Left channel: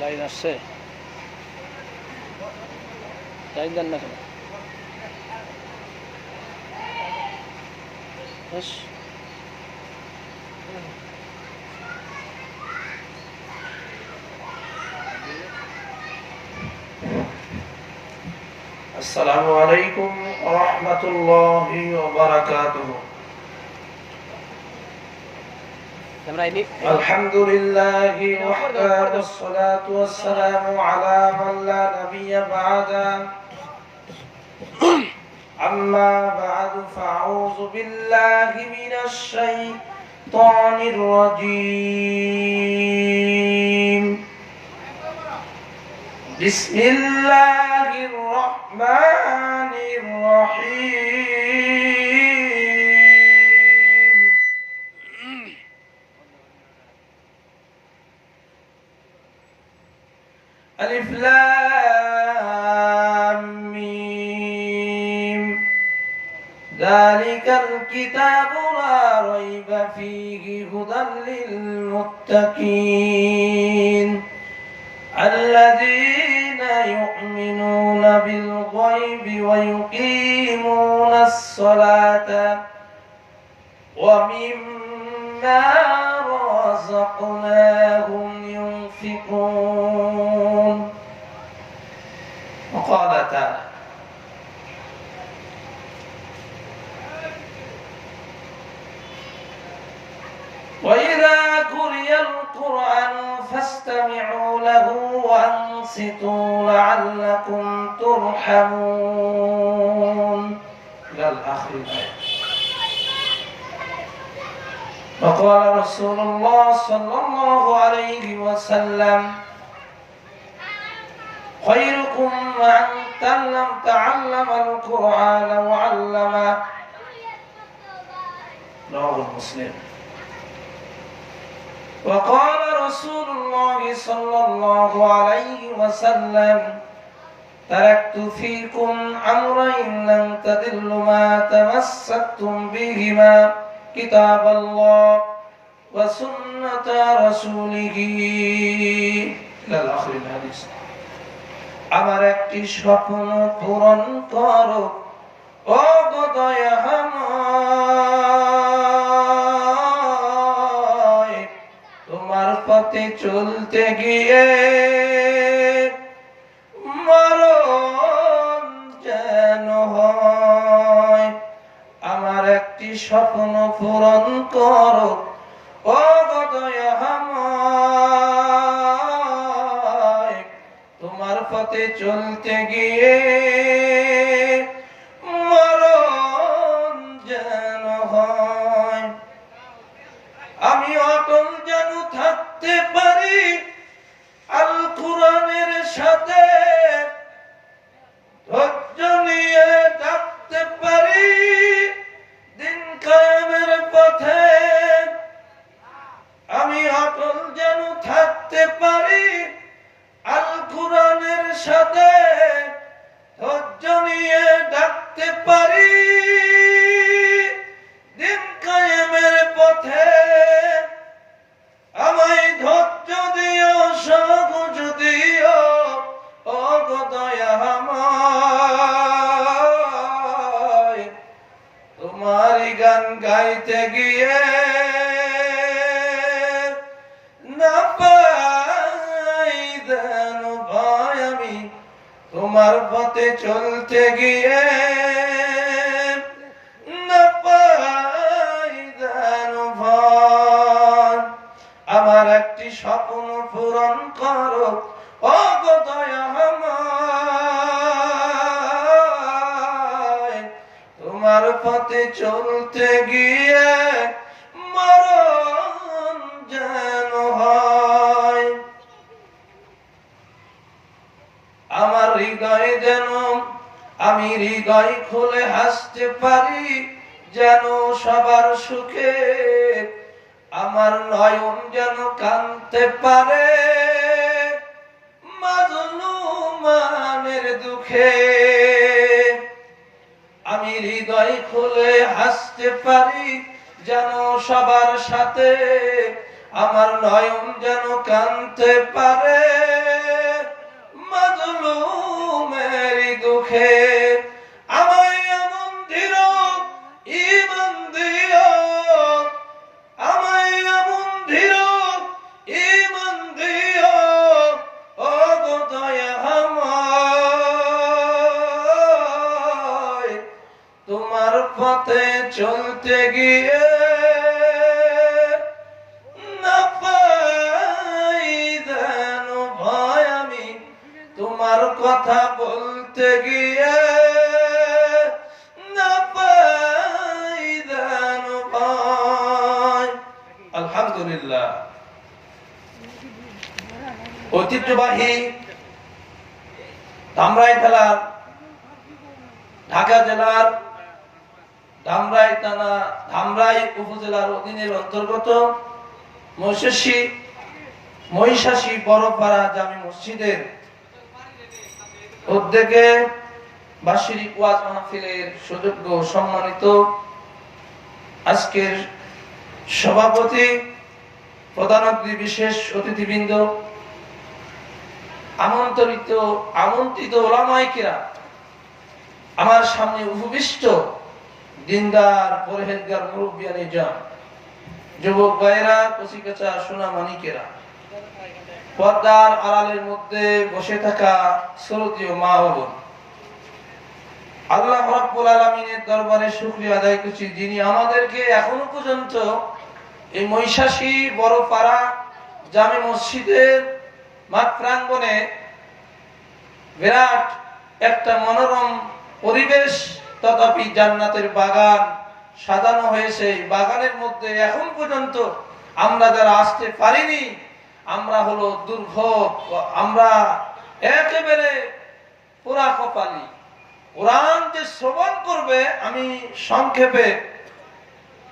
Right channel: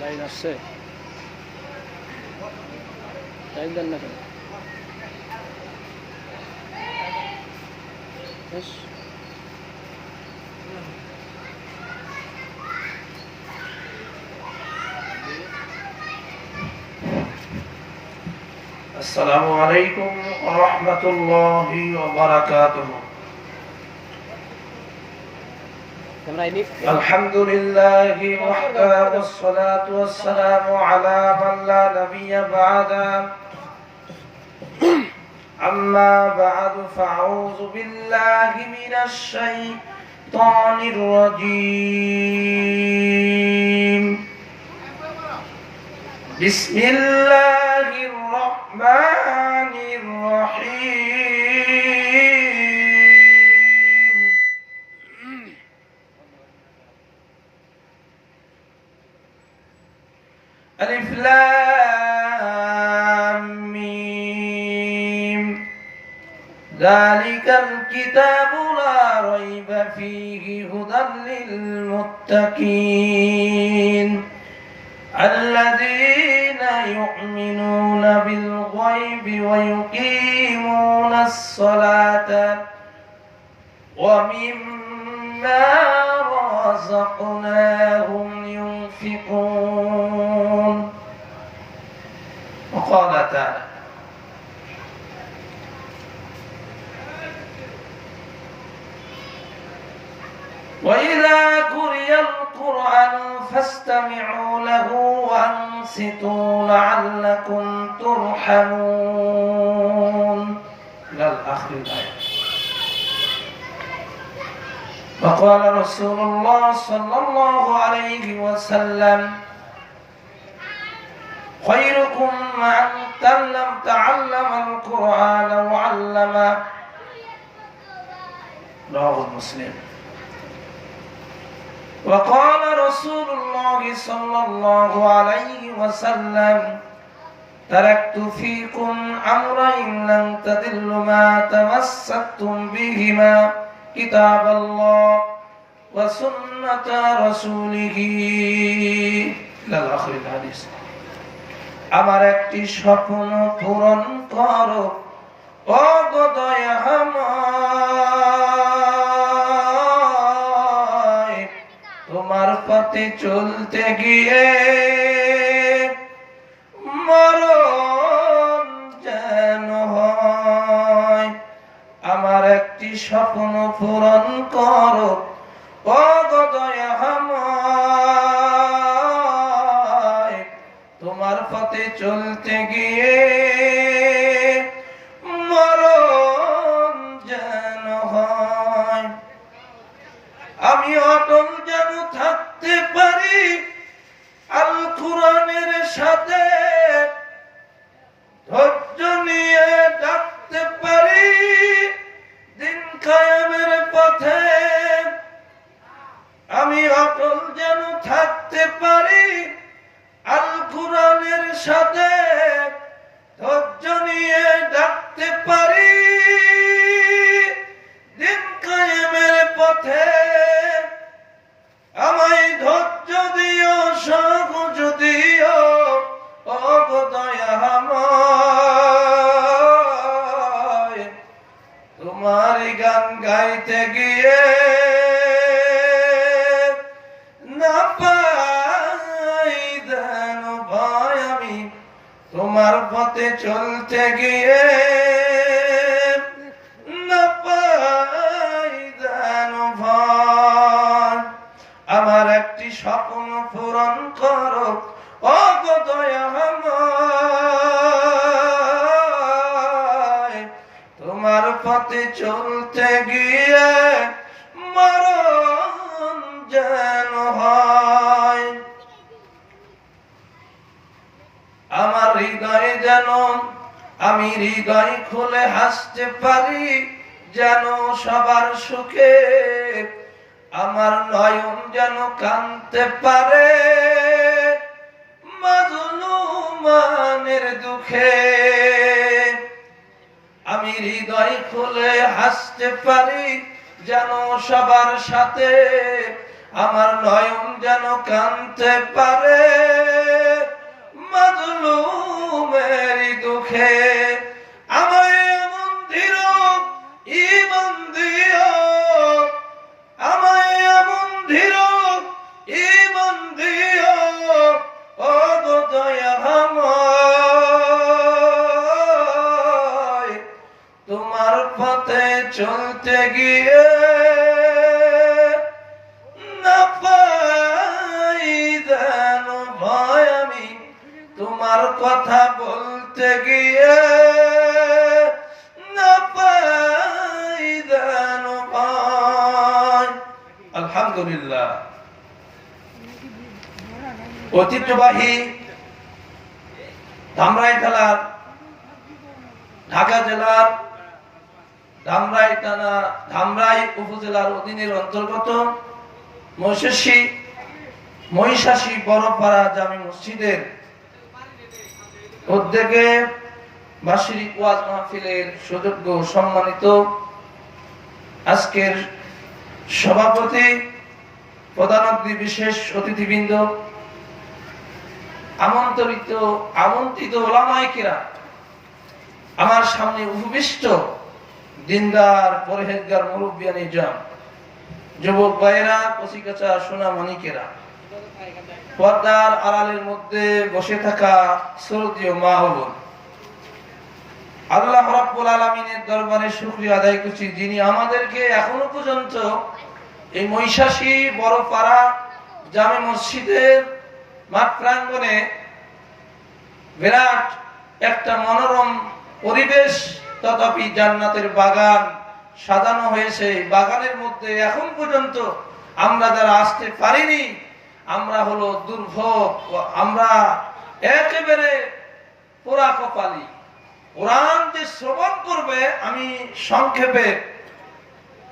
Line আসছে, line দেন না কেন? السلام عليكم ورحمة الله وبركاته. الحمد لله وحده والصلاة والسلام على من لا نبي بعده. أما بعد فأعوذ بالله من الشيطان الرجيم. بسم الله الرحمن الرحيم. ألف لام ميم. ذلك الكتاب لا ريب فيه هدى للمتقين الذين يؤمنون بالغيب ويقيمون الصلاة ومما رزقناهم ينفقون. وقال تعالى وإذا قرئ القرآن فاستمعوا له وأنصتوا لعلكم ترحمون. إلى آخر الآية. وقال رسول الله صلى الله عليه وسلم خيركم من تعلم القرآن وعلمه. رواه مسلم. وقال رسول الله صلى الله عليه وسلم تركت فيكم أمرين لن تضلوا ما تمسكتم بهما كتاب الله وسنة رسوله. إلى آخر الحديث. আমার একটি স্বপ্ন পূরণ করো ও গো দয়াময়, তোমার পথে চলতে গিয়ে মরণ যেন হয়। আমার একটি স্বপ্ন পূরণ করো ও গো দয়াময়, তোমার পথে চলতে গিয়ে মরণ যেন হয়। আমি অটল যেন থাকতে পারি আল কোরআনের সাথে, ধৈর্য নিয়ে ডাকতে পারি দিন কায়েমের পথে। আমি অটল যেন থাকতে পারি আল কোরআনের সাথে, ধৈর্য নিয়ে ডাকতে পারি দিন কায়েমের পথে। আমায় ধৈর্য দিও, সহজ দিও ও গো দয়াময়, তোমার গান গাইতে গিয়ে না পাই যেন ভয়। আমি তোমার পথে চলতে গিয়ে না পাই যেন ভয়। আমার একটি স্বপ্ন পূরণ করো ও গো দয়াময়, তোমার পথে চলতে গিয়ে মরণ যেন হয়। আমার হৃদয়ে যেন আমি হৃদয় খুলে হাসতে পারি যেন সবার সুখে। আমার নয়ন যেন কাঁদতে পারে মাজলুমানের দুঃখে। আমি হৃদয় খুলে হাসতে পারি যেন সবার সাথে। আমার নয়ন যেন কাঁদতে পারে মুখে আমায় এমন ধীর ঈমান দিও, আমায় এমন ধীর ঈমান দিও, ও গো দয়াময়, তোমার পথে চলতে গিয়ে না পাই যেন ভয়, আমি তোমার কথা বলতে গিয়ে না পাই যেন ভয়। আলহামদুলিল্লাহ। ঐতিহ্যবাহী ধামরাই জেলার, ঢাকা জেলার ধামরাই থানা, ধামরাই উপজেলার অধীনের অন্তর্গত মহিষাসী বড়পাড়া জামে মসজিদের উদ্যোগে বার্ষিক ওয়াজ মাহফিলের সুযোগ্য সম্মানিত আজকের সভাপতি, প্রধান অতিথি, বিশেষ অতিথিবৃন্দ, আমন্ত্রিত ওলামায়ে কিরাম, আমার সামনে উপবিষ্ট দিনদার পরহেজগার মুরব্বিয়ানি জান, যুবক ভাইয়েরা, কচিকাঁচা সোনা মানিকেরা, পর্দার আড়ালের মধ্যে বসে থাকা শ্রদ্ধেয় মা ও বোন, আল্লাহ রাব্বুল আলামিনের দরবারে শুকরিয়া আদায় করছি, যিনি আমাদেরকে এখনো পর্যন্ত এই মহিষাসী বড়পাড়া জামে মসজিদের মাঠ প্রাঙ্গণে বিরাট একটা মনোরম পরিবেশ, তথাপি জান্নাতের বাগান সাজানো হয়েছে। এই বাগানের মধ্যে এখন পর্যন্ত আমরা যারা আসতে পারিনি, আমরা হলো দুর্ভোগ, আমরা একেবারে পোড়া কপালি। কোরআন যে শ্রবণ করবে, আমি সংক্ষেপে,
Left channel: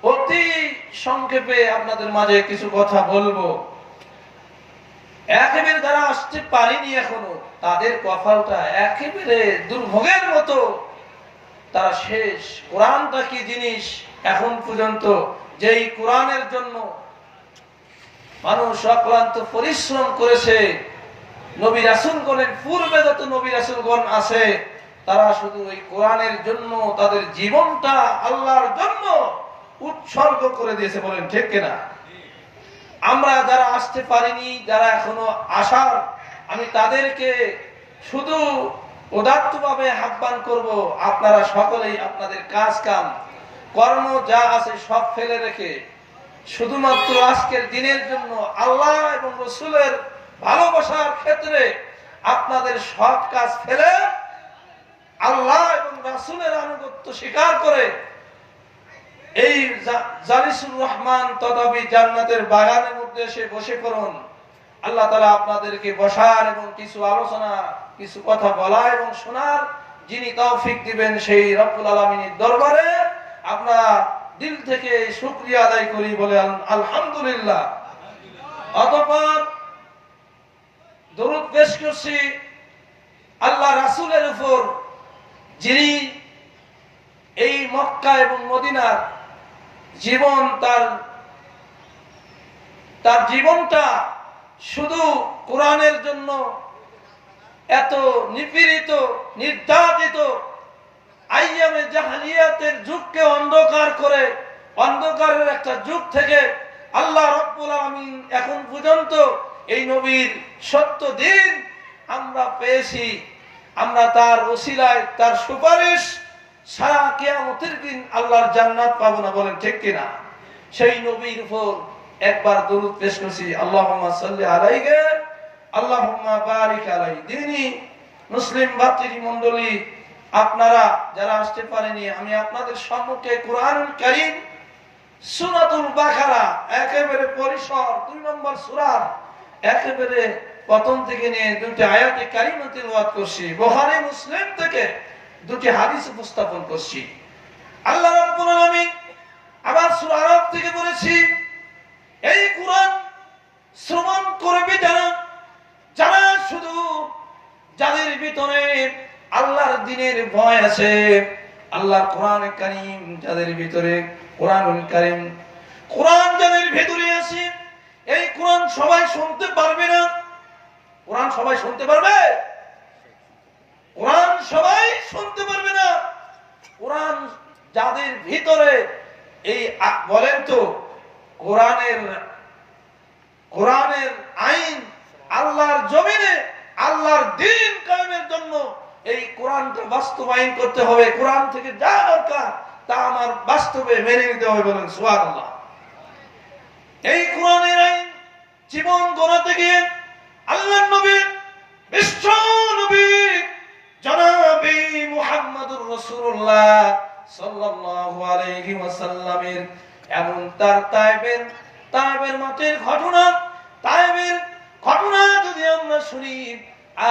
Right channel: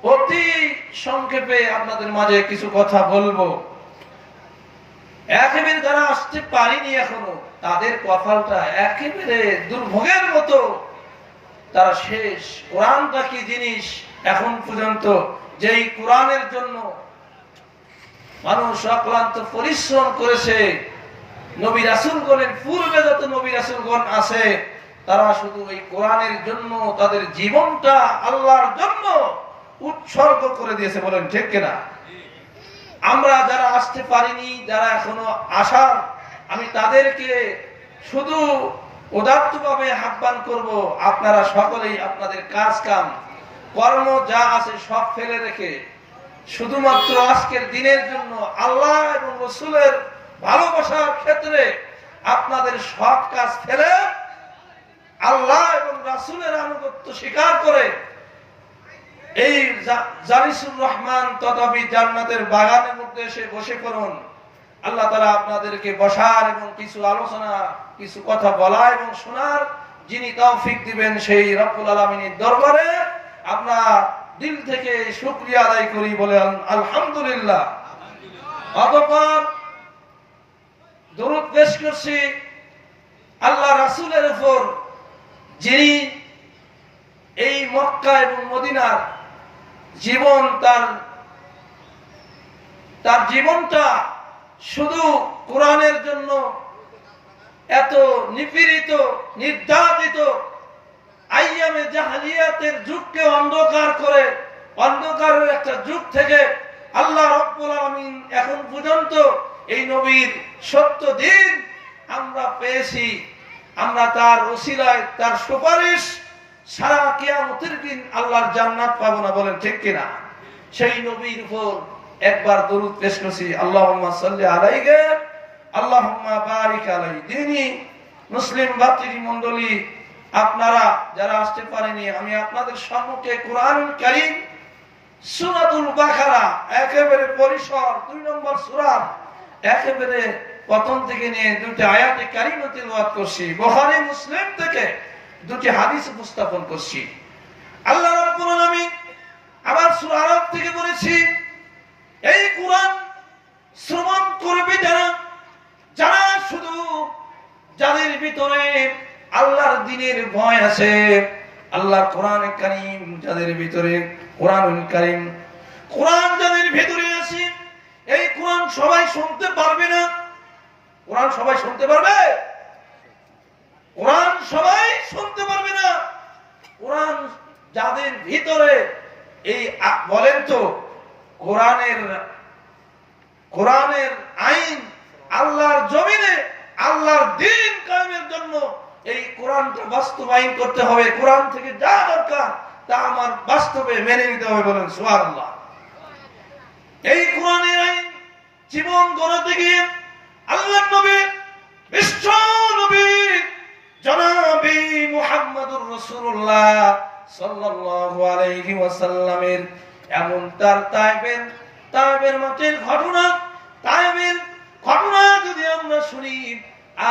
অতি সংক্ষেপে আপনাদের মাঝে কিছু কথা বলবো। একেবারে যারা আসতে পারিনি এখনো, তাদের কপালটা একেবারে দুর্ভোগের মতো, তারা শেষ। কোরআনটা কি জিনিস, এখন পর্যন্ত যেই কোরআনের জন্য মানুষ অক্লান্ত পরিশ্রম করেছে, নবী রাসূলগণের পূর্বে যত নবী রাসূলগণ আছে, তারা শুধু এই কোরআনের জন্য তাদের জীবনটা আল্লাহর জন্য উৎসর্গ করে দিয়েছে। বলেন ঠিক কিনা? আমরা যারা আসতে পারিনি, যারা এখনো আসার, আমি তাদেরকে শুধু উদাত্তভাবে আহ্বান করব, আপনারা সকলেই আপনাদের কাজ কাম কর্ম যা আছে সব ফেলে রেখে শুধুমাত্র আজকের দিনের জন্য আল্লাহ এবং রাসূলের ভালোবাসার ক্ষেত্রে আপনাদের সব কাজ ফেলে আল্লাহ এবং রাসূলের আনুগত্য স্বীকার করে এই জালিসুর রহমান তথাপি জান্নাতের বাগানের মধ্যে এসে বসে পড়ুন। আল্লাহ তাআলা আপনাদেরকে বসার এবং কিছু আলোচনা, কিছু কথা বলা এবং শোনার যিনি তৌফিক দিবেন, সেই রব্বুল আলামিনের দরবারে আমরা দিল থেকে শুকরিয়া আদায় করি, বলেন আলহামদুলিল্লাহ। অতঃপর দরুদ পেশ করছি আল্লাহ রাসূলের উপর, যিনি এই মক্কা এবং মদিনার জীবন, তার জীবনটা শুধু কোরআনের জন্য এত নিপীড়িত, নির্যাতিত, আইয়ামে জাহেলিয়াতের যুগকে অন্ধকার করে, অন্ধকারের একটা যুগ থেকে আল্লাহ রাব্বুল আলামিন এখন পর্যন্ত এই নবীর সত্য দিন আমরা পেয়েছি। আমরা তার ওসিলায়, তার সুপারিশ সারা কিয়ামতের দিন আল্লাহর জান্নাত পাবো না। বলেন ঠিক কিনা? সেই নবীর উপর একবার দরুদ পেশ করছি, আল্লাহুম্মা সাল্লি আলাইহি আল্লাহুম্মা বারিক আলাইহি। যিনি মুসলিম ভাতৃমণ্ডলী, আপনারা যারা আসতে পারেনি, আমি আপনাদের সম্মুখে কোরআনুল কারীম সূরাতুল বাকারা একেবারে পরিসর 2 নম্বর সূরা একেবারে প্রথম থেকে নিয়ে 2টি আয়াতে কারিমা তিলাওয়াত করছি। বুখারী মুসলিম থেকে 2টি হাদিস উপস্থাপন করছি। আল্লাহ রাব্বুল আলামিন আবার সূরা আরাফ থেকে বলেছি, এই কোরআন শ্রবণ করবে যারা শুধু যাদের ভিতরে আল্লাহর দ্বীনের ভয় আছে, আল্লাহর কোরআন কারীম যাদের ভিতরে, কোরআনুল কারীম, কোরআন যাদের ভিতরে আছে, এই কোরআন সবাই শুনতে পারবে না। কোরআন সবাই শুনতে পারবে? কোরআন সবাই যাদের ভিতরে এই বলেন তো কোরআনের আইন, আল্লাহর জমিনে আল্লাহর দ্বীন কায়েমের জন্য এই কোরআনটা বাস্তবায়ন করতে হবে। কোরআন থেকে যা দরকার তা আমার বাস্তবে মেনে নিতে হবে, বলেন সুবহানাল্লাহ। এই কোরআনের আইন জীবন গড়াতে গিয়ে আল্লাহর নবী, বিশ্ব নবী জনাবে মুহাম্মদুর রাসূলুল্লাহ সাল্লাল্লাহু আলাইহি ওয়াসাল্লামের এমন তার তায়েবের মাঠের ঘটনা যদি আমরা শুনি,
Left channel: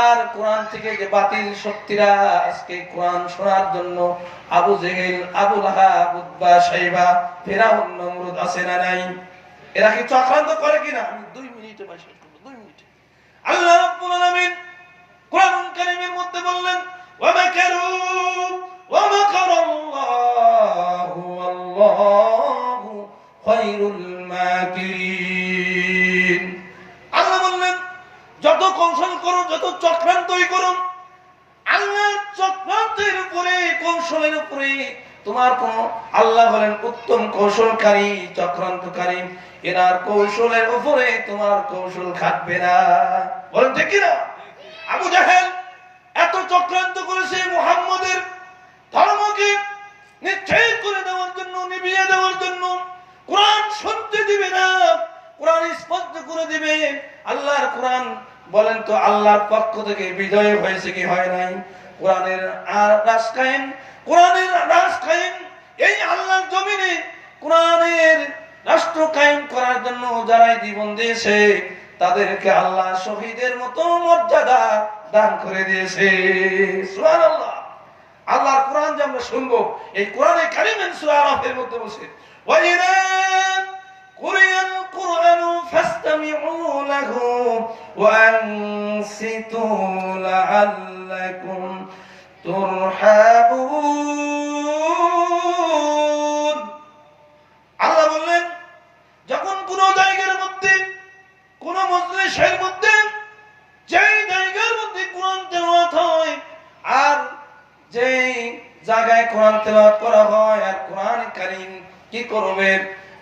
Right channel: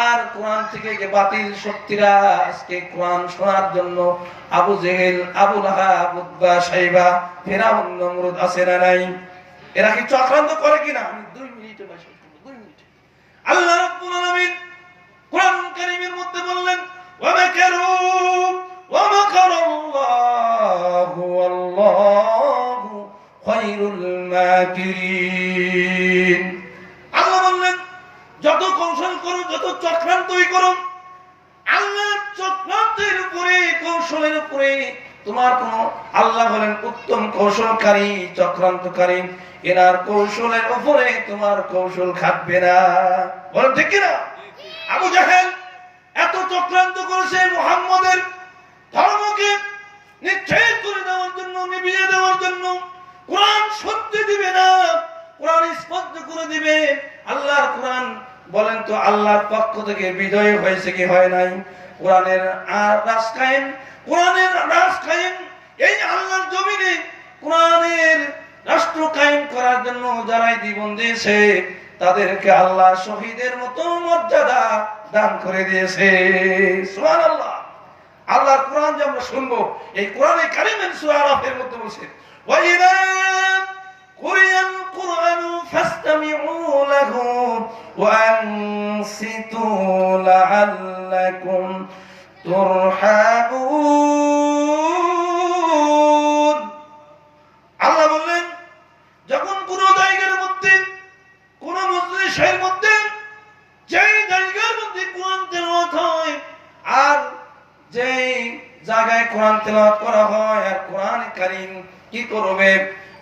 আর কোরআন থেকে যে বাতিল শক্তিরা আজকে কোরআন শোনার জন্য আবু জেহেল, আবু লাহাব, উতবা, শাইবা, ফিরআউন, নমরুদ আছে না নাই? এরা কি চক্রান্ত করে কিনা? আমি 2 মিনিটে বসে 2 মিনিটে। আল্লাহ রাব্বুল আলামিন কোরআন কারীমের মধ্যে বললেন, ওয়া মাকারু ওয়া মাকারাল্লাহু ওয়াল্লাহু খায়রুল মাকিরিন। আল্লাহ বললেন, যত কৌশল করো, যত চক্রান্তই করো, আল্লাহর চক্রান্তের উপরে, কৌশলের উপরে তোমার কোন, আল্লাহ বলেন উত্তম কৌশলকারী, চক্রান্তকারী, এনার কৌশলের উপরে তোমার কৌশল খাটবে না। বলেন ঠিক কিনা? আবু জাহেল এত চক্রান্ত করেছে মুহাম্মদের ধর্মকে নিশ্চয় করে দেওয়ার জন্য, নিভিয়ে দেওয়ার জন্য। কোরআন শুনতে দিবে না, কোরআন স্পষ্ট করে দিবে। আল্লাহর কোরআন বলেন তো আল্লাহর পক্ষ থেকে বিজয় হয়েছে কি হয় নাই? কোরআনের রাজ কায়েম এই আল্লাহর জমিনে কোরআনের রাষ্ট্র কায়েম করার জন্য যারাই জীবন দিয়েছে তাদেরকে আল্লাহ শহীদের মতো মর্যাদা দান করে দিয়েছে। সুবহানাল্লাহ। আল্লাহর কোরআন যে আমরা শুনবো, এই কোরআনে কারীমের সূরা আরাফের মধ্যে বলছে, ওয়া ইযা কুরিয়াল কুরআনু ফাসতামিউ লাহু ওয়া আনসিতু লাআল্লাকুম তুরহামুন। আল্লাহ বললেন, যখন কোন জায়গার মধ্যে, কোন মজলিসের মধ্যে, যেই জায়গার মধ্যে কোরআন তেলাওয়াত হয়, আর যেই জায়গায় কোরআন তেলাওয়াত করা হয়, আর কোরআন কারীম কি করবে?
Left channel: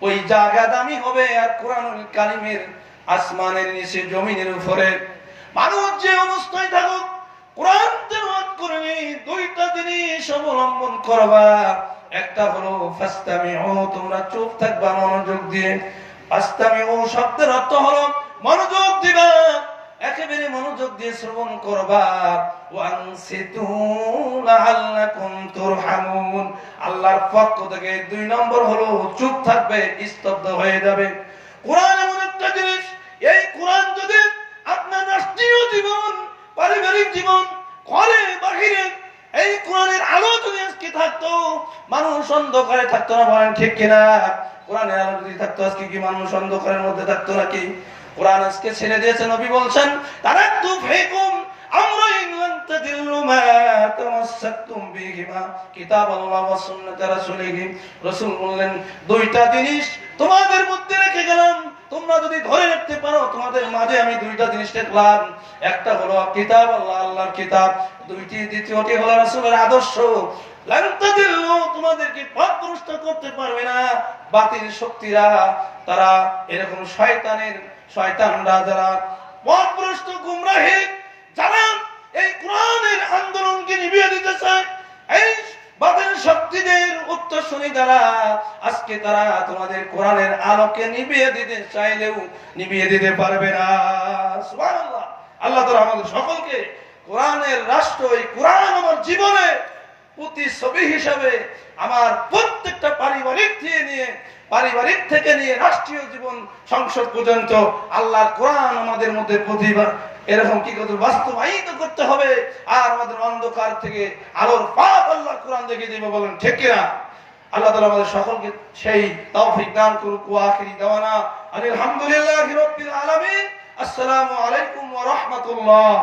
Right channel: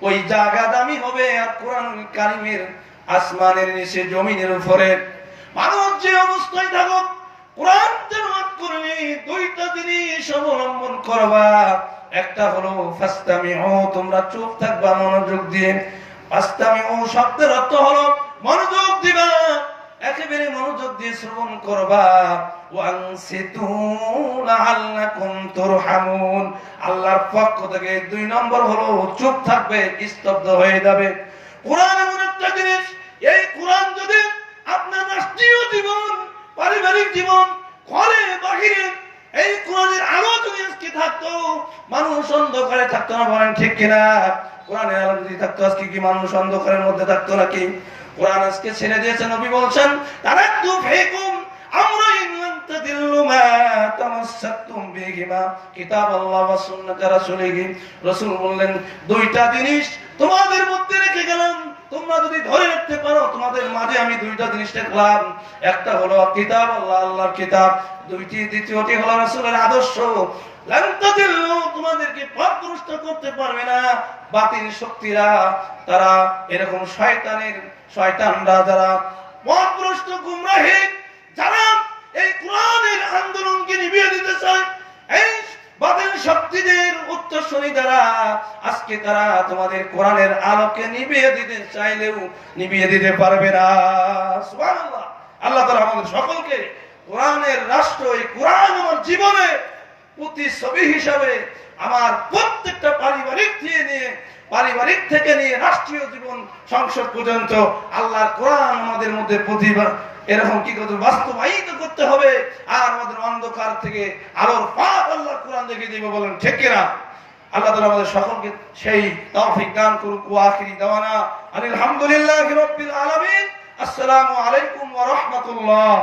ওই জায়গা দামি হবে। আর কোরআনুল কারীমের আসমানের নিচে, জমিনের উপরে মানুষ যে অবস্থায় থাকুক, কোরআন তেলাওয়াত করলে 2টা জিনিস অবলম্বন করবা। একটা হলো ফাসতামিউ, তোমরা চুপ থাকবা মনোযোগ দিয়ে। ফাসতামিউ শব্দের অর্থ হলো মনোযোগ দিবা, একেবারে মনোযোগ দিয়ে শ্রবণ করবা। ওয়া আনসিতু লাআল্লাকুম তুরহামুন, আল্লাহর পক্ষ থেকে 2 নম্বর হলো চুপ থাকবে, স্তব্ধ হয়ে যাবে। কোরআন এমন একটা জিনিস, এই কোরআন যদি আপনার রাষ্ট্রীয় জীবন, পারিবারিক জীবন, ঘরে বাহিরে এই কোরআনের আলো যদি আজকে থাকতো, মানুষ অন্ধকারে থাকতো না। বলেন ঠিক কিনা? কোরআনের আলো যদি থাকতো, আজকে কি মানুষ অন্ধকারের মধ্যে থাকতো নাকি? কোরআন আজকে ছেড়ে দিয়েছে। নবী বলছেন, তারাকতু ফীকুম আমরাইন লান তাদিল্লু মা তামাসসাকতুম বিহিমা কিতাবাল্লাহ ওয়া সুন্নাত রাসূলিহি। রাসূল বললেন, 2টা জিনিস তোমাদের মধ্যে রেখে গেলাম, তোমরা যদি ধরে রাখতে পারো, তোমাদের মাঝে আমি 2টা জিনিস রাখলাম। একটা হলো কিতাব, আল্লাহর কিতাব। দ্বিতীয়টি হলো রাসূলের আদর্শ। লান তাদিল্লু, তোমাদেরকে পথভ্রষ্ট করতে পারবে না বাতিল শক্তিরা। তারা এরকম শয়তানরা যারা পথভ্রষ্ট, গুমরাহী, যারা এই কোরআনের আন্দোলনকে নিভিয়ে দিতে চায়, এই বাতিল শক্তিদের উত্তরসূরি দ্বারা আজকে তারা তোমাদের কোরআনের আলোকে নিভিয়ে দিতে চাইলেও নিভিয়ে দিতে পারবে না। সুবহানাল্লাহ। আল্লাহ তাআলা আমাদের সকলকে কোরআনের রাষ্ট্র, এই কোরআন আমার জীবনে প্রতিচ্ছবি হিসাবে আমার প্রত্যেকটা পারিবারিক থেকে নিয়ে রাষ্ট্রীয় জীবন, সংসদ পর্যন্ত আল্লাহর কোরআন আমাদের মধ্যে প্রতিভা এরকম কি করতে বাস্তবায়িত করতে হবে। আর আমাদের অন্ধকার থেকে আলোর পথ আল্লাহর কোরআন দেখিয়ে দিবে। বলেন ঠিক কিনা? আল্লাহ তাআলা আমাদের সকলকে সেই তৌফিক দান করুক। ওয়া আখিরি দাওয়ানা আলহামদুলিল্লাহি রাব্বিল আলামিন। আসসালামু আলাইকুম ওয়া রাহমাতুল্লাহ।